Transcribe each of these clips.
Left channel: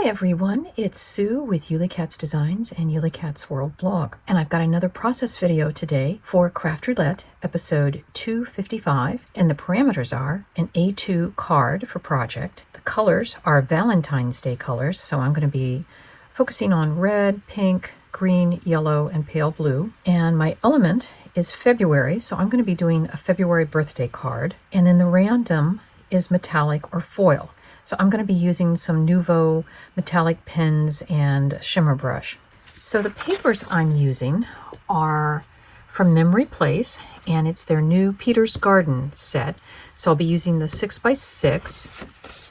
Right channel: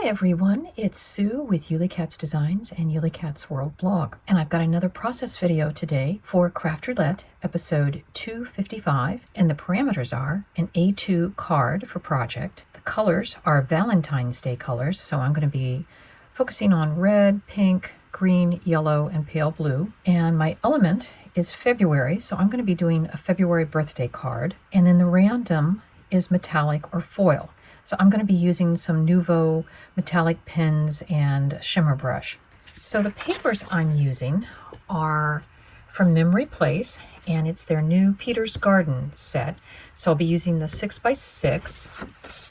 Hi everyone, it's Sue with Ully Cat's Designs and Ully Cat's World blog. And I've got another process video today for Craft Roulette, episode 255. And the parameters are an A2 card for project. The colors are Valentine's Day colors, so I'm going to be focusing on red, pink, green, yellow, and pale blue. And my element is February, so I'm going to be doing a February birthday card. And then the random is metallic or foil. So I'm going to be using some Nuvo metallic pens and shimmer brush. So the papers I'm using are from Memory Place, and it's their new Peter's Garden set. So I'll be using the 6x6,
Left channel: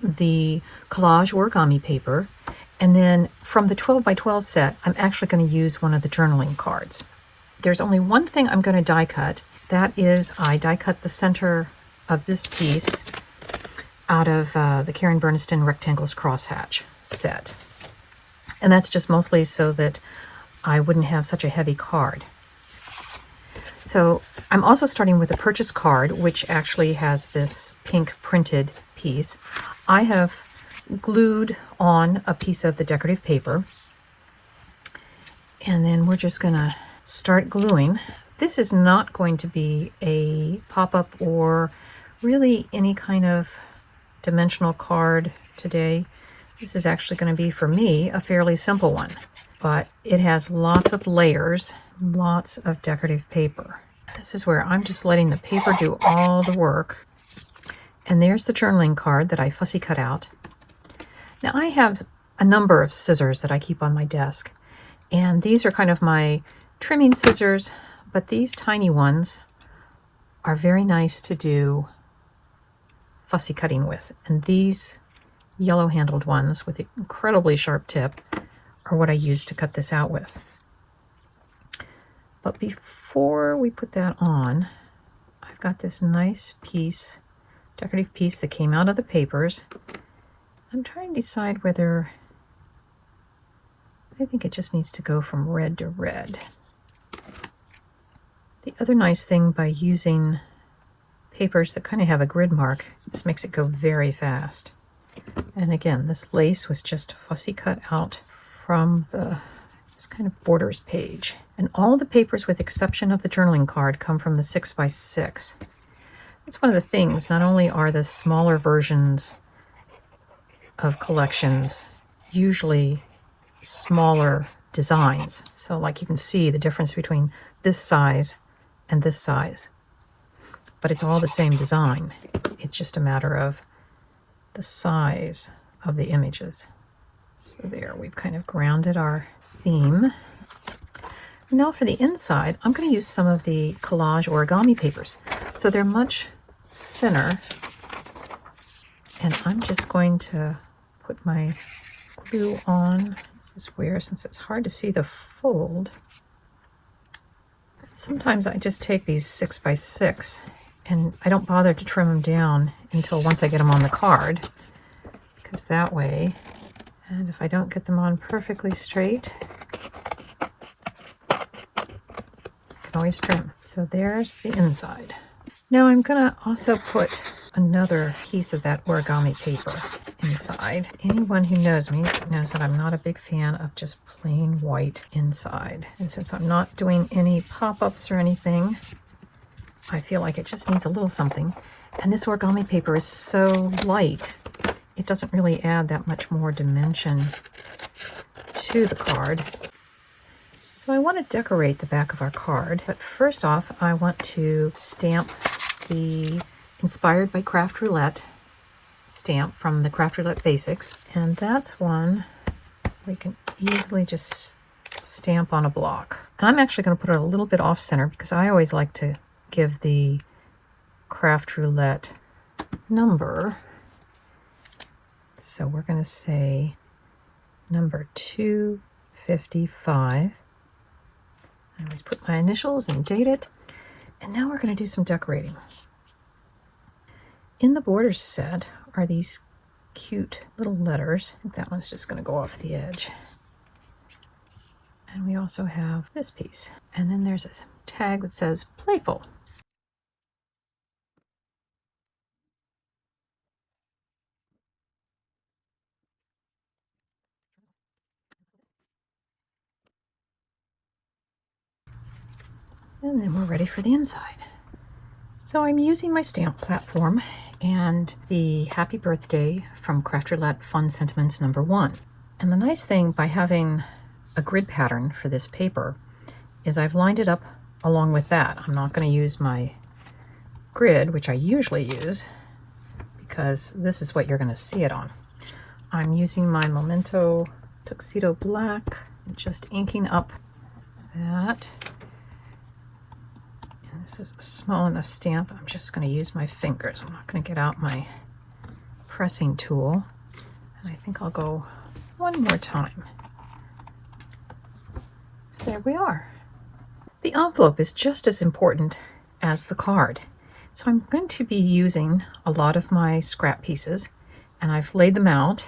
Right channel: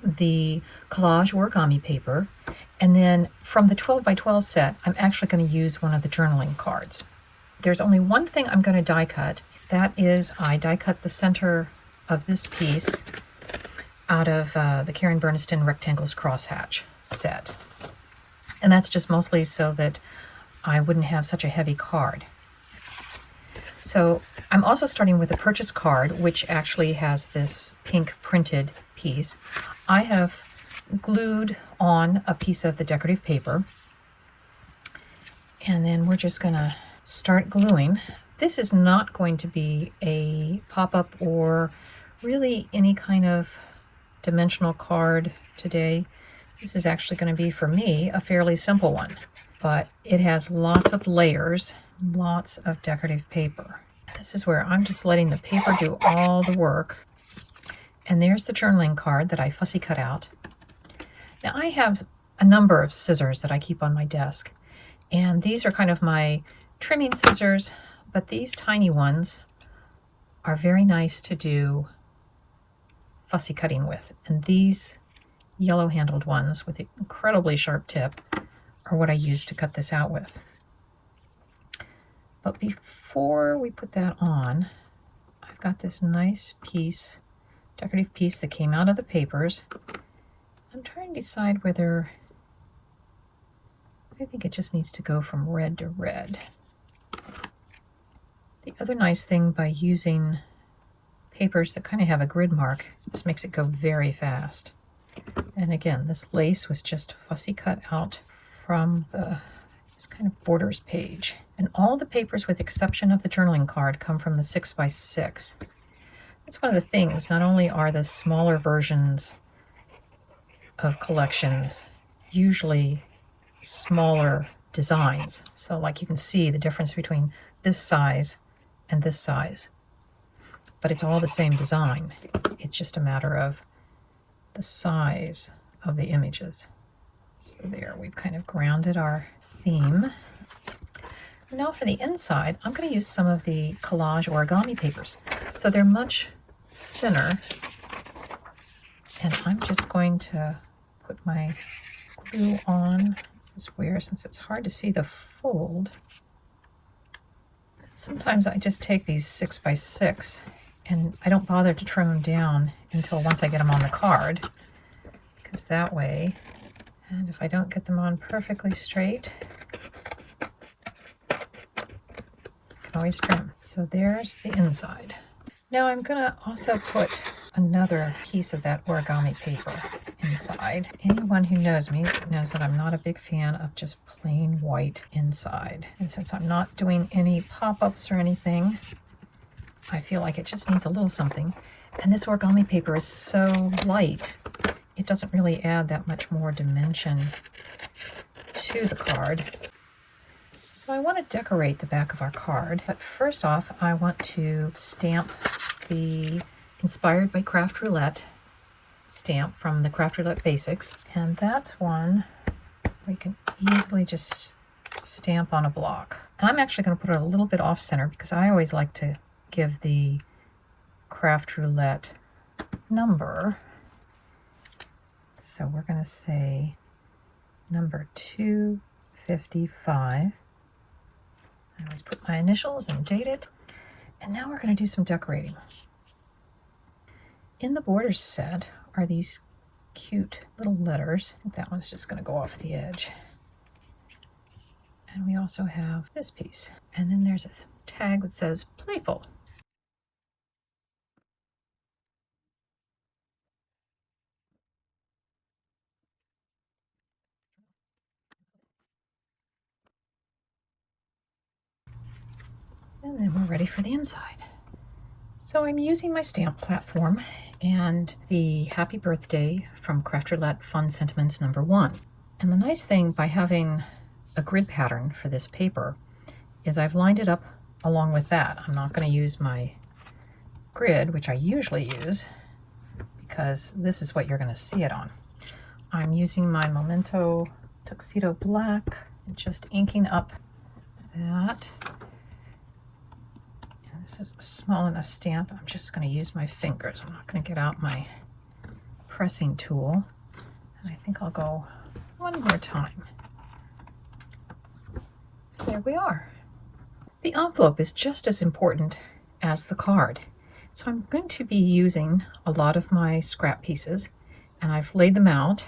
the collage origami paper, and then from the 12x12 set, I'm actually going to use one of the journaling cards. There's only one thing I'm going to die cut. That is, I die cut the center of this piece out of the Karen Berniston Rectangles Crosshatch set. And that's just mostly so that I wouldn't have such a heavy card. So I'm also starting with a purchase card, which actually has this pink printed piece. I have glued on a piece of the decorative paper, and then we're just gonna start gluing. This is not going to be a pop-up or really any kind of dimensional card today. This is actually going to be, for me, a fairly simple one, but it has lots of layers, lots of decorative paper. This is where I'm just letting the paper do all the work. And there's the journaling card that I fussy cut out. Now I have a number of scissors that I keep on my desk, and these are kind of my trimming scissors, but these tiny ones are very nice to do fussy cutting with. And these yellow handled ones with the incredibly sharp tip are what I use to cut this out with. But before we put that on, I've got this nice piece, decorative piece that came out of the papers. I'm trying to decide whether I think it just needs to go from red to red. The other nice thing by using papers that kind of have a grid mark, this makes it go very fast. And again, this lace was just fussy cut out from this kind of borders page. And all the papers, with exception of the journaling card, come from the 6x6. That's one of the things. Not only are the smaller versions of collections usually smaller designs, so like you can see the difference between this size and this size, but it's all the same design. It's just a matter of the size of the images. So there, we've kind of grounded our theme. Now for the inside, I'm going to use some of the collage origami papers. So they're much thinner, and I'm just going to put my glue on. This is where, since it's hard to see the fold, sometimes I just take these 6x6 and I don't bother to trim them down until once I get them on the card, because that way, and if I don't get them on perfectly straight, I can always trim. So there's the inside. Now I'm going to also put another piece of that origami paper inside. Anyone who knows me knows that I'm not a big fan of just plain white inside. And since I'm not doing any pop-ups or anything, I feel like it just needs a little something. And this origami paper is so light, it doesn't really add that much more dimension to the card. So I want to decorate the back of our card, but first off, I want to stamp the Inspired by Craft Roulette stamp from the Craft Roulette Basics. And that's one we can easily just stamp on a block. And I'm actually going to put it a little bit off center because I always like to give the Craft Roulette number. So we're going to say number 255. I always put my initials and date it. And now we're going to do some decorating. In the borders set are these cute little letters. I think that one's just going to go off the edge. And we also have this piece. And then there's a tag that says playful. And then we're ready for the inside. So I'm using my stamp platform and the Happy Birthday from Craft Roulette Fun Sentiments #1. And the nice thing by having a grid pattern for this paper is I've lined it up along with that. I'm not going to use my grid, which I usually use, because this is what you're going to see it on. I'm using my Memento Tuxedo Black and just inking up that. And this is a small enough stamp. I'm just going to use my fingers. I'm not going to get out my pressing tool. And I think I'll go one more time. So there we are. The envelope is just as important as the card. So I'm going to be using a lot of my scrap pieces, and I've laid them out.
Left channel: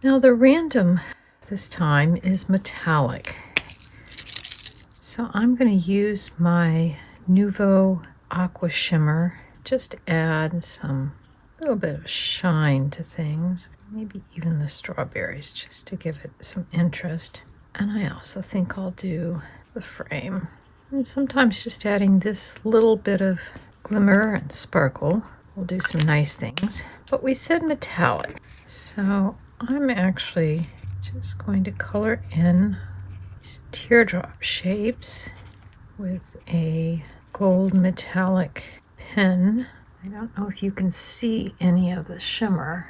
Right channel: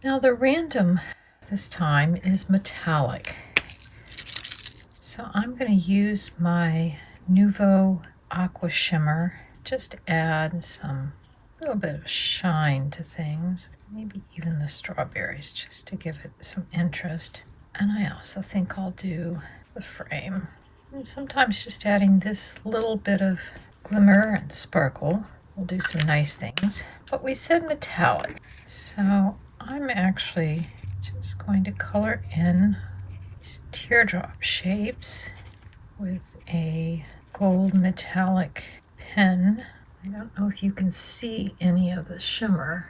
Now the random this time is metallic. So I'm going to use my Nuvo Aqua Shimmer, just to add some little bit of shine to things, maybe even the strawberries, just to give it some interest. And I also think I'll do the frame. And sometimes just adding this little bit of glimmer and sparkle will do some nice things. But we said metallic, so I'm actually just going to color in these teardrop shapes with a gold metallic pen. I don't know if you can see any of the shimmer,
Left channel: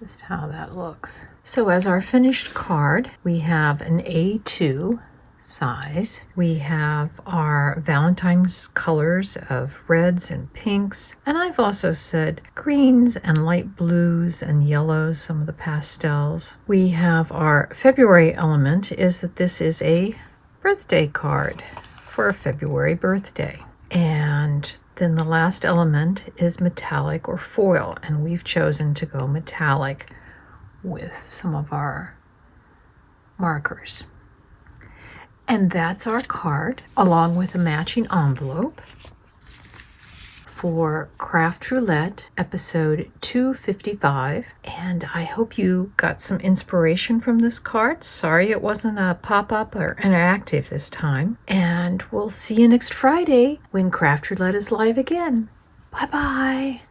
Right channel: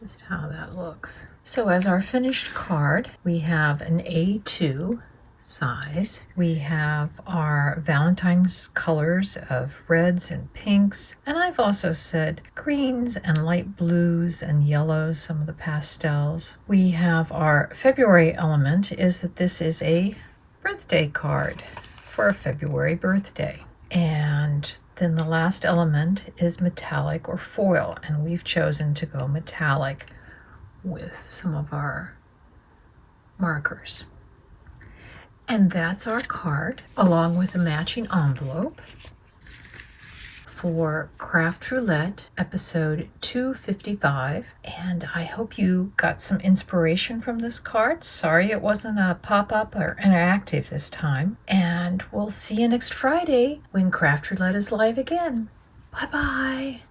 just how that looks. So as our finished card, we have an A2 size. We have our Valentine's colors of reds and pinks, and I've also said greens and light blues and yellows, some of the pastels. We have our February element is that this is a birthday card for a February birthday. And then the last element is metallic or foil, and we've chosen to go metallic with some of our markers. And that's our card, along with a matching envelope for Craft Roulette episode 255. And I hope you got some inspiration from this card. Sorry it wasn't a pop-up or interactive this time. And we'll see you next Friday when Craft Roulette is live again. Bye-bye.